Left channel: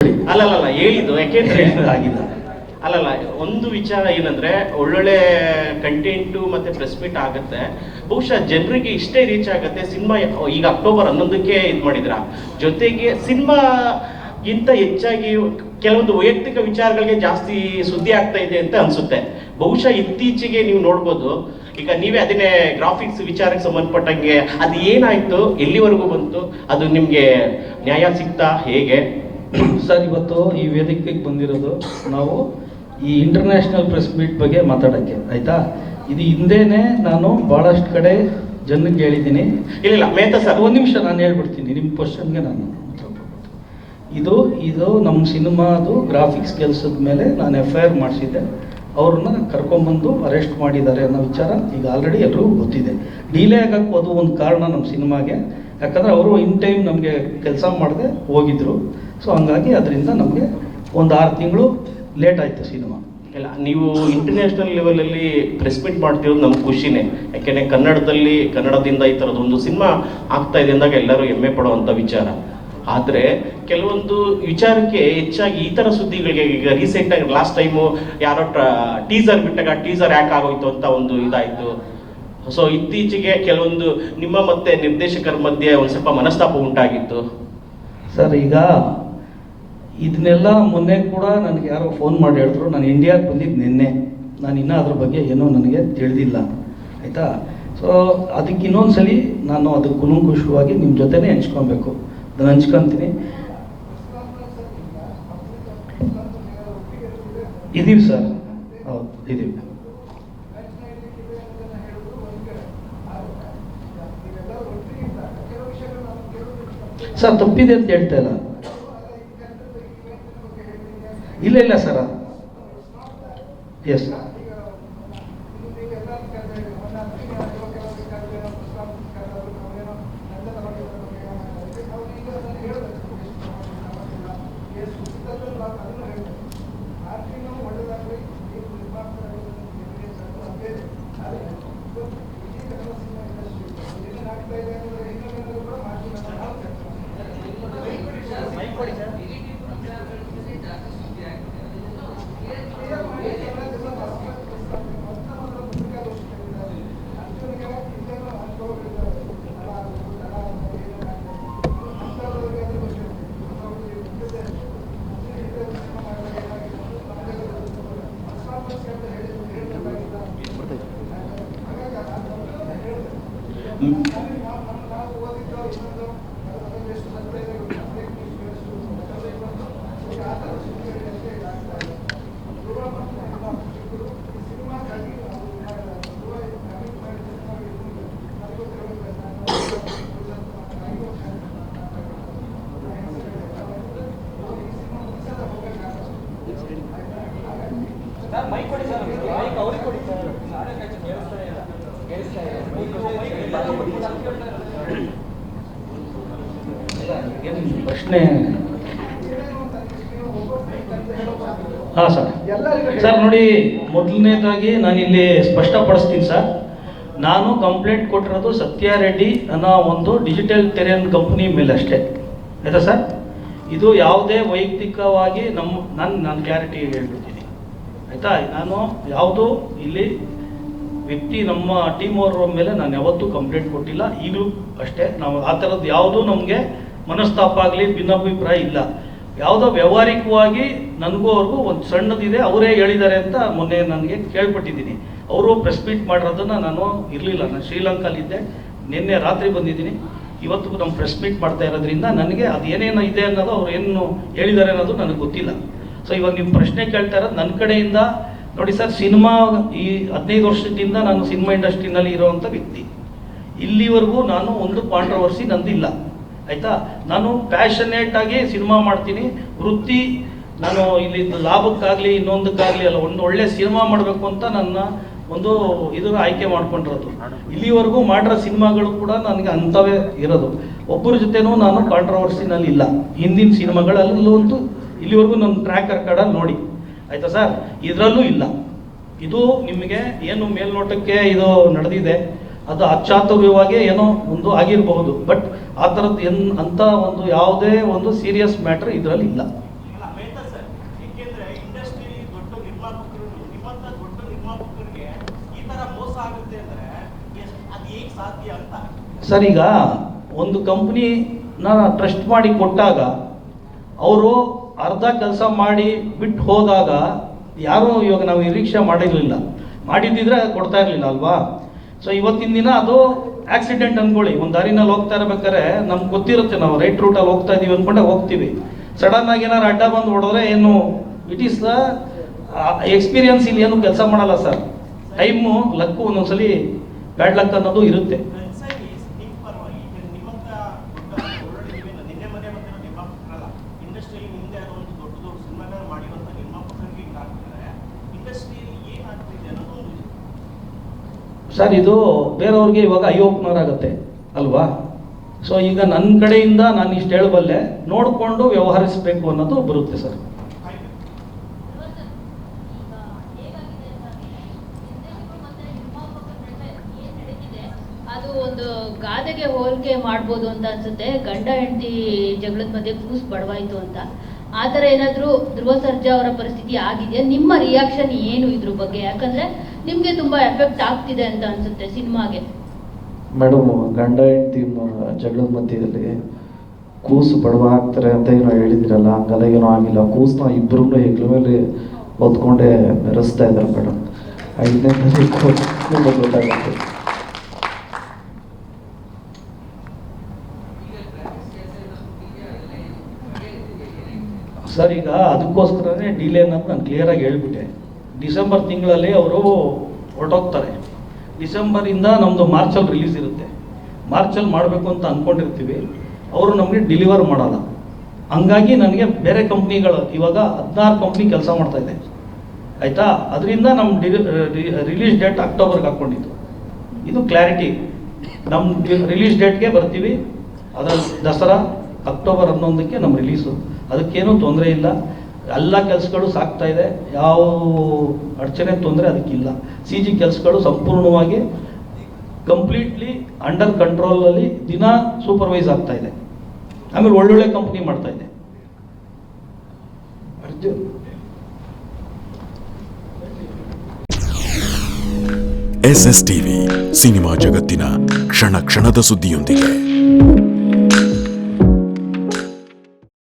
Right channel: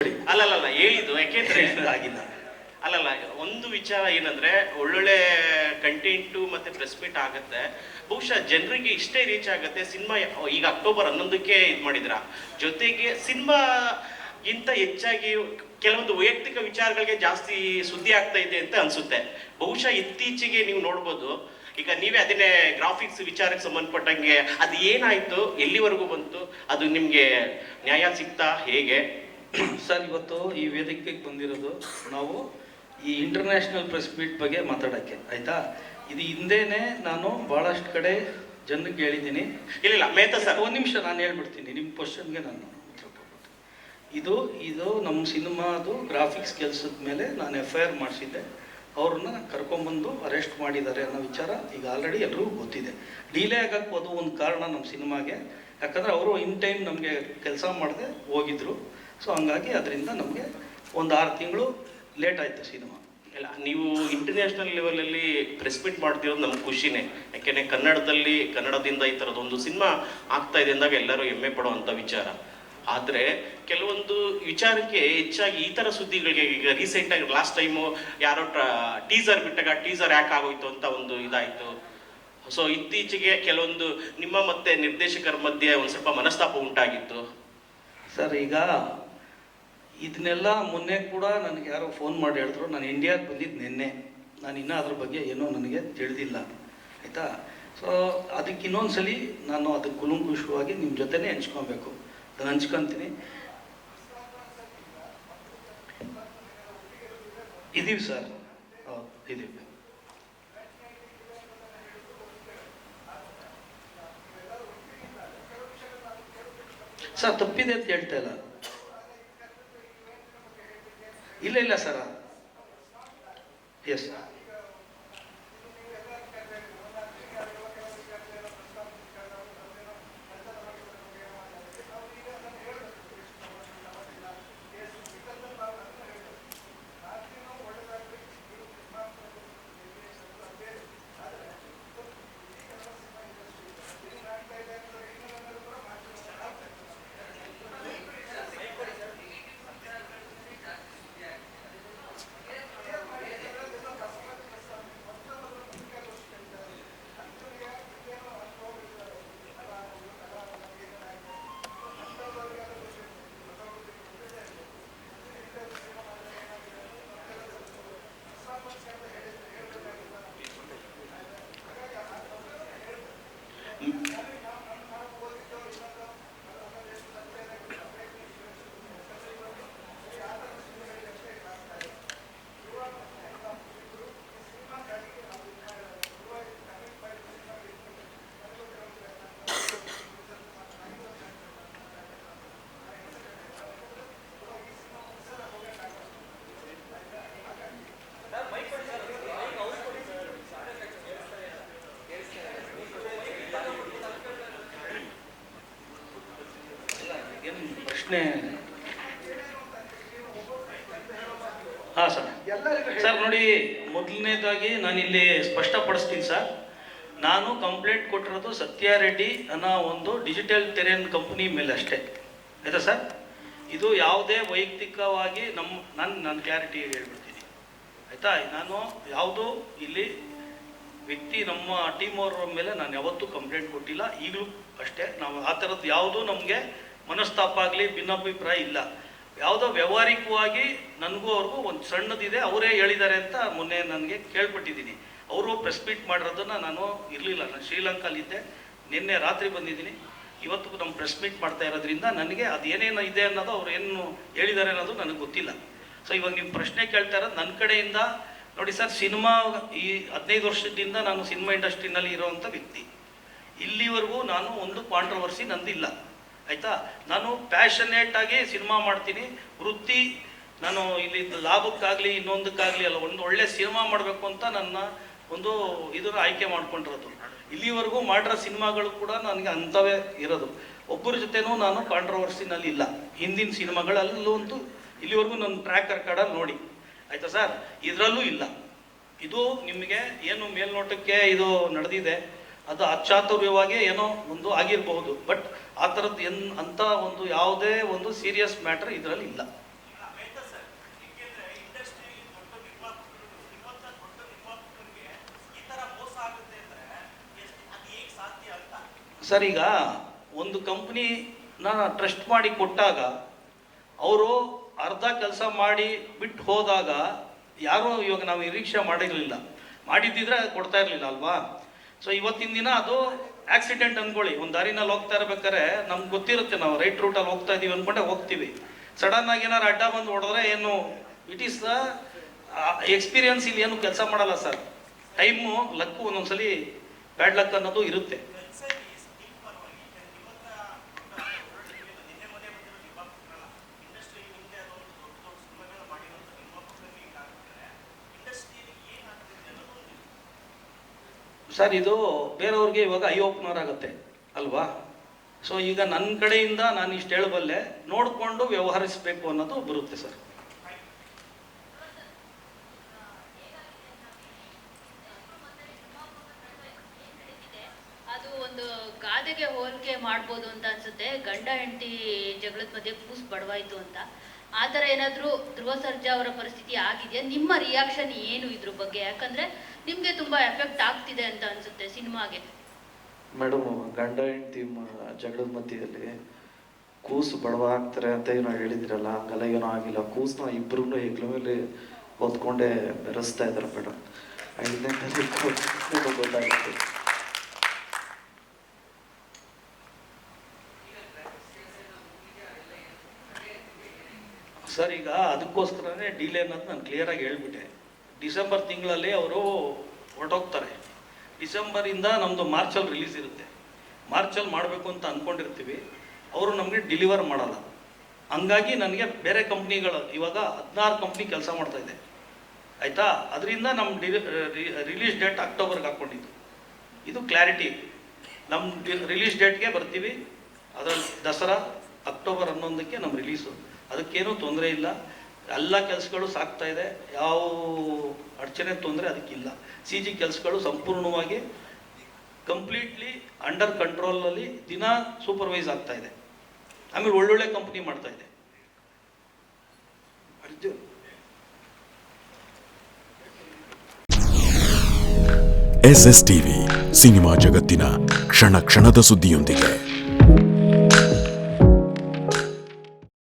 ಅಲ್ಲಲ್ಲ ಹೇಳಿದ್ದು ಯಾಕೆಂದ್ರೆ ಆಗಿಲ್ಲ. ಅಲ್ಲಲ್ಲ, ಒಂದು ವಿಚಾರ ಏನಂದ್ರೆ ಒಳ್ಳೊಳ್ಳೆ ಕಂಟೆಂಟು ಮತ್ತೆ ಪ್ರೆಸ್ ಮೀಟ್ ಆಗುತ್ತೆ, ಬಹುಶಃ ಜನರಿಗೆ ಇಷ್ಟೇ ರೀಚ್ ಆಗುತ್ತೆ. ಸಿನಿಮಾ ಈಗ ಅಕ್ಟೋಬರ್ 11ಕ್ಕೆ ಇದು ಮಾಡಿದ್ರ, ಜೊತೆಗೆ ಸಿನಿಮಾಗಿಂತ ಹೆಚ್ಚಾಗಿ ಕೆಲವೊಂದು ವೈಯಕ್ತಿಕ ವಿಚಾರಗಳಿಗೆ ಜಾಸ್ತಿ ಸುದ್ದಿ ಆಗ್ತಾ ಇದೆ ಅಂತ ಅನ್ಸುತ್ತೆ. ಬಹುಶಃ ಇತ್ತೀಚೆಗೆ ನೀವು ನೋಡ್ಬೋದು, ಈಗ ನೀವೇ ಅದನ್ನೇ ಗ್ರಾಫಿಕ್ಸ್ ವಿಚಾರಕ್ಕೆ ಸಂಬಂಧಪಟ್ಟಂಗೆ ಅದು ಏನಾಯ್ತು, ಎಲ್ಲಿವರೆಗೂ ಬಂತು, ಅದು ನಿಮ್ಗೆ ನ್ಯಾಯ ಸಿಗ್ತಾ ಹೇಗೆ? ಸರ್, ಇವತ್ತು ಈ ವೇದಿಕೆಗೆ ಬಂದಿರೋದು ನಾವು ಈ ಇಂಟರ್ನ್ಯಾಷನಲ್ ಪ್ರೆಸ್ ಮೀಟ್ ಬಗ್ಗೆ ಮಾತಾಡೋಕ್ಕೆ, ಆಯ್ತಾ? ಇದು ಹಿಂದೆನೇ ನಾನು ಭಾಳಷ್ಟು ಕಡೆ ಜನಕ್ಕೆ ಹೇಳಿದ್ದೀನಿ. ಇಲ್ಲ ಮೇಹ್ತಾ ಸರ್, ಒಂದು ನಿಮಿಷ ನಾನು ಹೇಳ್ಬಿಡ್ತೀನಿ, ನಿಮ್ಮ ಕ್ವಶನ್ಗೆ ನಾನು ಉತ್ತರ ಕೊಡ್ತೀನಿ. ಇದು ನಮ್ಮ ಸಿನಿಮಾದು ಗ್ರಾಫಿಕ್ಸ್ ಕೆಲಸದ ಮೇಲೆ ನಾನು FIR ಮಾಡಿಸಿದ್ದೆ. ಅವ್ರನ್ನ ಕರ್ಕೊಂಬಂದು ಅರೆಸ್ಟ್ ಮಾಡಿದ್ದಾರೆ ಅನ್ನೋ ವಿಚಾರ ಈಗ ಆಲ್ರೆಡಿ ಎಲ್ರಿಗೂ ಗೊತ್ತಿದೆ. ಡಿಲೇ ಆಗಕ್ಕೆ ಅದು ಒಂದು ಕಾರಣ ನಮ್ಮ ಸಿನಿಮಾಗೆ, ಯಾಕಂದರೆ ಅವರು ಇನ್ ಟೈಮ್ ನಮಗೆ ಕೆಲಸ ಮಾಡದೆ ಹೋಗಿದ್ರು. ಸೊ ಹಂಗಾಗಿ ಅದರಿಂದ ನಮಗೆ ಒಂದು 6 ತಿಂಗಳು ಲೇಟ್ ಆಯಿತು ಸಿನಿಮಾ. ಇಲ್ಲ, ನೀವು ಇಂಟರ್ನ್ಯಾಷನಲ್ ಲೆವೆಲಲ್ಲಿ ಪ್ರೆಸ್ ಮೀಟ್ ಮಾಡ್ತಿರೋದು ನಮ್ಗೆ ಖುಷಿನೇ. ಯಾಕೆಂದರೆ ಕನ್ನಡದಿಂದ ಈ ಥರದೊಂದು ಸಿನಿಮಾ ಆಗ್ತಾ ಇದೆ ಅಂದಾಗ ಎಲ್ಲರೂ ಹೆಮ್ಮೆ ಪಡುವಂಥ ವಿಚಾರ. ಆದರೆ ಕೆಲವೊಂದು ವಿಚಾರಕ್ಕೆ ಹೆಚ್ಚಾಗಿ ಈ ಥರ ಸುದ್ದಿಗಳಿಗೆ, ಈಗ ರೀಸೆಂಟಾಗಿ ಲಾಸ್ಟ್ ಟೈಮು ಯಾರೋ ಟೀಸರ್ ಬಿಟ್ಟಾಗ ಟೀಸರ್ ಯಾಕೆ ಆಗೋಯ್ತು ಅಂತ ಒಂದು ಇದಾಯಿತು. ಸೊ ಇತ್ತೀಚೆಗೆ ಕೆಲವೊಂದು ನಿಮ್ಮ ಮತ್ತೆ ನಿರ್ದೇಶಕರ ಮಧ್ಯೆ ಒಂದು ಸ್ವಲ್ಪ ಮನಸ್ತಾಪ ಉಂಟಾಗಿತ್ತು. ಸರ್, ಈಗ ಇದನ್ನೆಲ್ಲ ಮೊನ್ನೆ ಕೂಡ ನನಗೆ ಯಾರೋ ಫೋನ್ ಮಾಡಿ ಹೇಳಿದ್ರು, ನಾನು ಇಂಡಿಯಾಗೆ ಬಂದಿದ್ದು ನಿನ್ನೆ, ನಾನು ಇನ್ನೂ ಅದ್ರ ಬಗ್ಗೆ ಏನೂ ನನಗೆ ತಿಳಿದಿಲ್ಲ, ಆಯಿತಾ? ಸೊ ಅದಕ್ಕೆ ಇನ್ನೊಂದ್ಸಲಿ ನಾನು ಅದು ಕುಲಂಕುಷವಾಗಿ ನಿಮ್ಮ ಜೊತೆನೇ ಹಂಚ್ಕೊಬೇಕು, ನಾನು ಹಂಚ್ಕೊತೀನಿ. ಇದೀವಿ ಸರ್, ಹೌದು ಇದೀವಿ. ಸರ್, ತಪ್ಪಿದೆ ಅಂತ ಹೇಳ್ತಾ ಇಲ್ಲ ಸರ. ಎಸ್, ಪ್ರಶ್ನೆ. ಹಾಂ ಸರ್, ನೋಡಿ, ಮೊದಲನೇದಾಗಿ ನಾನಿಲ್ಲಿ ಸ್ಪಷ್ಟಪಡಿಸ್ತೀನಿ ಸರ್. ನಾನು ಕಂಪ್ಲೇಂಟ್ ಕೊಟ್ಟಿರೋದು ಸತ್ಯ ರೆಡ್ಡಿ ಅನ್ನೋ ಒಂದು ಡಿಜಿಟಲ್ ಟೆರೆನ್ ಕಂಪ್ನಿ ಮೇಲೆ ಅಷ್ಟೇ, ಆಯಿತಾ ಸರ್? ಇದು ಯಾವುದೇ ವೈಯಕ್ತಿಕವಾಗಿ ನಾನು ಕ್ಲಾರಿಟಿ ಹೇಳ್ಬಿಡ್ತೀನಿ, ಆಯಿತಾ? ನಾನು ಯಾವುದು ಇಲ್ಲಿ ವ್ಯಕ್ತಿ ನಮ್ಮ ಟೀಮ್ ಅವ್ರ ಮೇಲೆ ನಾನು ಯಾವತ್ತೂ ಕಂಪ್ಲೇಂಟ್ ಕೊಟ್ಟಿಲ್ಲ, ಈಗಲೂ ಅಷ್ಟೇ. ನಾವು ಆ ಥರದ್ದು ಯಾವುದೂ ನಮಗೆ ಮನಸ್ತಾಪ ಆಗಲಿ ಭಿನ್ನಾಭಿಪ್ರಾಯ ಇಲ್ಲ. ಯಾವುದೋ ವ್ಯವಹಾರಿಕವಾಗಿ ನನಗೂ ಅವ್ರಿಗೂ ಒಂದು ಸಣ್ಣದಿದೆ, ಅವರೇ ಹೇಳಿದ್ದಾರೆ ಅಂತ ಮೊನ್ನೆ ನನಗೆ ಕೇಳ್ಪಟ್ಟಿದ್ದೀನಿ. ಅವರು ಪ್ರೆಸ್ ಮೀಟ್ ಮಾಡಿರೋದನ್ನು ನಾನು ಇರಲಿಲ್ಲ, ನಾನು ಶ್ರೀಲಂಕಾಲಿದ್ದೆ, ನಿನ್ನೆ ರಾತ್ರಿ ಬಂದಿದ್ದೀನಿ. ಇವತ್ತು ನಮ್ಮ ಪ್ರೆಸ್ ಮೀಟ್ ಮಾಡ್ತಾ ಇರೋದ್ರಿಂದ ನನಗೆ ಅದು ಏನೇನು ಇದೆ ಅನ್ನೋದು ಅವ್ರು ಏನು ಹೇಳಿದ್ದಾರೆ ಅನ್ನೋದು ನನಗೆ ಗೊತ್ತಿಲ್ಲ. ಸೊ ಇವಾಗ ನಿಮ್ಮ ಪ್ರಶ್ನೆ ಕೇಳ್ತಾ ಇರೋದು ನನ್ನ ಕಡೆಯಿಂದ. ನೋಡಿ ಸರ್, ಸಿನಿಮಾ ಈ 15 ವರ್ಷದಿಂದ ನಾನು ಸಿನಿಮಾ ಇಂಡಸ್ಟ್ರಿನಲ್ಲಿ ಇರೋವಂಥ ವ್ಯಕ್ತಿ. ಇಲ್ಲಿವರೆಗೂ ನಾನು ಒಂದು ಕಾಂಟ್ರವರ್ಸಿ ನಂದಿಲ್ಲ, ಆಯಿತಾ? ನಾನು ಪ್ಯಾಷನೇಟ್ ಆಗಿ ಸಿನಿಮಾ ಮಾಡ್ತೀನಿ. ವೃತ್ತಿ ನಾನು ಇಲ್ಲಿ ಲಾಭಕ್ಕಾಗಲಿ ಇನ್ನೊಂದಕ್ಕಾಗಲಿ ಅಲ್ಲ, ಒಂದು ಒಳ್ಳೆ ಸಿನಿಮಾ ಮಾಡಬೇಕು ಅಂತ ನನ್ನ ಒಂದು ಇದನ್ನು ಆಯ್ಕೆ ಮಾಡ್ಕೊಂಡಿರೋದು. ಇಲ್ಲಿವರೆಗೂ ಮಾಡಿರೋ ಸಿನಿಮಾಗಳು ಕೂಡ ನನಗೆ ಅಂಥವೇ ಇರೋದು. ಒಬ್ಬರ ಜೊತೆನೂ ನಾನು ಕಾಂಟ್ರವರ್ಸಿನಲ್ಲಿ ಇಲ್ಲ. ಹಿಂದಿನ ಸಿನಿಮಾಗಳಲ್ಲೂ ಅಂತೂ ಇಲ್ಲಿವರೆಗೂ ನನ್ನ ಟ್ರ್ಯಾಕ್ ರೆಕಾರ್ಡಲ್ಲಿ ನೋಡಿ, ಆಯಿತಾ ಸರ್? ಇದರಲ್ಲೂ ಇಲ್ಲ. ಇದು ನಿಮಗೆ ಏನು ಮೇಲ್ನೋಟಕ್ಕೆ ಇದು ನಡೆದಿದೆ, ಅದು ಅಚಾತುರ್ಯವಾಗಿ ಏನೋ ಒಂದು ಆಗಿರಬಹುದು, ಬಟ್ ಆ ಥರದ್ದು ಅಂಥ ಒಂದು ಯಾವುದೇ ಒಂದು ಸೀರಿಯಸ್ ಮ್ಯಾಟ್ರ್ ಇದರಲ್ಲಿ ಇಲ್ಲ. ಸರ್, ಈಗ ಒಂದು ಕಂಪ್ನಿನ ಟ್ರಸ್ಟ್ ಮಾಡಿ ಕೊಟ್ಟಾಗ ಅವರು ಅರ್ಧ ಕೆಲಸ ಮಾಡಿ ಬಿಟ್ಟು ಹೋದಾಗ ಯಾರೂ ಇವಾಗ ನಾವು ನಿರೀಕ್ಷೆ ಮಾಡಿರಲಿಲ್ಲ, ಮಾಡಿದ್ದಿದ್ರೆ ಕೊಡ್ತಾ ಇರಲಿಲ್ಲ ಅಲ್ವಾ. ಸೊ ಇವತ್ತಿನ ದಿನ ಅದು ಆಕ್ಸಿಡೆಂಟ್ ಅಂದ್ಕೊಳ್ಳಿ, ಒಂದು ದಾರಿನಲ್ಲಿ ಹೋಗ್ತಾ ಇರ್ಬೇಕಾದ್ರೆ ನಮ್ಗೆ ಗೊತ್ತಿರುತ್ತೆ ನಾವು ರೈಟ್ ರೂಟಲ್ಲಿ ಹೋಗ್ತಾ ಇದೀವಿ ಅಂದ್ಕೊಂಡೆ ಹೋಗ್ತೀವಿ. ಸಡನ್ ಆಗಿ ಏನಾರು ಅಡ್ಡ ಬಂದು ಹೊಡೆದ್ರೆ ಏನು ಇಟ್ ಈಸ್ ದ ಎಕ್ಸ್ಪೀರಿಯನ್ಸ್, ಇಲ್ಲಿ ಏನು ಕೆಲಸ ಮಾಡಲ್ಲ ಸರ್. ಟೈಮು ಲಕ್ಕು ಒಂದೊಂದ್ಸಲಿ ಬ್ಯಾಡ್ ಲಕ್ ಅನ್ನೋದು ಇರುತ್ತೆ. ಸರ್, ಇದು ಬೇರೆಯವ್ರಿಗೆ ಇವಾಗ ಐ ಓಪನರ್ ಆಗುತ್ತೆ ಅಲ್ವಾ. ಸೊ ಈಗ ನನ್ನ ಕಡೆಯಿಂದ ನಾನು ಇಷ್ಟು ಹೇಳಬಲ್ಲೆ, ನೋಡಿಕೊಂಡು ವ್ಯವಹರಿಸಬೇಕು ಅನ್ನೋದು ಬರುತ್ತೆ ಸರ್. ಅದು ಒಂದು ಗಾದೆಗೆ ಹೋಲಿಕೆ ಮಾಡ್ಬೋದು ಅಂತ ಅನ್ಸುತ್ತೆ. ಗಂಡ ಹೆಂಡತಿ ಜಗಳದ ಮಧ್ಯೆ ಕೂಸು ಬಡವಾಯ್ತು ಅಂತ. ಆ ಥರ ಏನಾದರೂ ಧ್ರುವ ಸರ್ಜಾ ಅವರ ಪರಿಸ್ಥಿತಿ ಆಗಿದೆ. ನಿಮ್ಮ ರಿಯಾಕ್ಷನ್ ಏನು ಇದ್ರ ಬಗ್ಗೆ? ಯಾಕಂದ್ರೆ ನಿಮಗೆ ತುಂಬಾ ಎಫೆಕ್ಟ್ ಆಗ್ತಿದೆ ಅಂತ ಅನ್ಸುತ್ತೆ ಸಿನಿಮಾಗೆ. ಮೇಡಮ್, ಗಂಡ ಹೆಂಡತಿ ಜಗಳದ ಮಧ್ಯದಲ್ಲಿ ಕೂಸು ಬಡವ ಆಗ್ತಾರೆ ಅಂತ ಏನೋ ಹೇಳಿದಿರಲ್ಲ, ಹಂಗೆಲ್ಲ ಏನೋ ಆಗಿಲ್ಲ. ಕೂಸನ್ನ ಇಬ್ಬರೂ ಹೆಗ್ಲ ಮೇಲೆ ಹೊತ್ಕೊಂಡೇ ಮೆರೆಸ್ತಾ ಇದ್ದಾರೆ ಮೇಡಮ್. 5ನೇ ತಾರೀಕು ನಿಮಗೆ ಗೊತ್ತಾಗುತ್ತೆ. ಸರ್, ಈಗ ಅದಕ್ಕೋಸ್ಕರನೇ ಡಿಲೇ ಅನ್ನೋದು ನಾನು ಕ್ಲಿಯರಾಗಿ ಹೇಳ್ಬಿಟ್ಟೆ. ಡಿಸೆಂಬರ್ ತಿಂಗಳಲ್ಲಿ ಅವರು ಹೊರಟೋಗ್ತಾರೆ. ಡಿಸೆಂಬರಿಂದ ನಮ್ಮದು ಮಾರ್ಚಲ್ಲಿ ರಿಲೀಸ್ ಇರುತ್ತೆ. ಮಾರ್ಚಲ್ಲಿ ಮಾಡಬೇಕು ಅಂತ ಅಂದ್ಕೊಂಡಿರ್ತೀವಿ, ಅವರು ನಮಗೆ ಡೆಲಿವರ್ ಮಾಡಲ್ಲ. ಹಂಗಾಗಿ ನನಗೆ ಬೇರೆ ಕಂಪ್ನಿಗಳು ಇವಾಗ 16 ಕಂಪ್ನಿ ಕೆಲಸ ಮಾಡ್ತಾ ಇದೆ ಆಯಿತಾ. ಅದರಿಂದ ನಮ್ಮ ರಿಲೀಸ್ ಡೇಟ್ ಅಕ್ಟೋಬರ್ಗೆ ಹಾಕ್ಕೊಂಡಿದ್ದು. ಇದು ಕ್ಲಾರಿಟಿ. ನಮ್ಮ ರಿಲೀಸ್ ಡೇಟ್ಗೆ ಬರ್ತೀವಿ. ಅದರ ದಸರಾ ಅಕ್ಟೋಬರ್ 11ಕ್ಕೆ ನಮ್ಮ ರಿಲೀಸು. ಅದಕ್ಕೇನೂ ತೊಂದರೆ ಇಲ್ಲ. ಎಲ್ಲ ಕೆಲಸಗಳು ಸಾಗ್ತಾ ಇದೆ, ಯಾವ ಅಡಚಣೆ ತೊಂದರೆ ಅದಕ್ಕಿಲ್ಲ. CG ಕೆಲಸಗಳು ಸಂಪೂರ್ಣವಾಗಿ ಕಂಪ್ಲೀಟ್ಲಿ ಅಂಡರ್ ಕಂಟ್ರೋಲಲ್ಲಿ ದಿನ ಸೂಪರ್ವೈಸ್ ಆಗ್ತಾ ಇದೆ. ಆಮೇಲೆ ಒಳ್ಳೊಳ್ಳೆ ಕಂಪ್ನಿ ಮಾಡ್ತಾ ಇದೆ. ಅರ್ಜುನ್ SS TV ಸಿನಿಮಾ ಜಗತ್ತಿನ ಕ್ಷಣ ಕ್ಷಣದ ಸುದ್ದಿಯೊಂದಿಗೆ.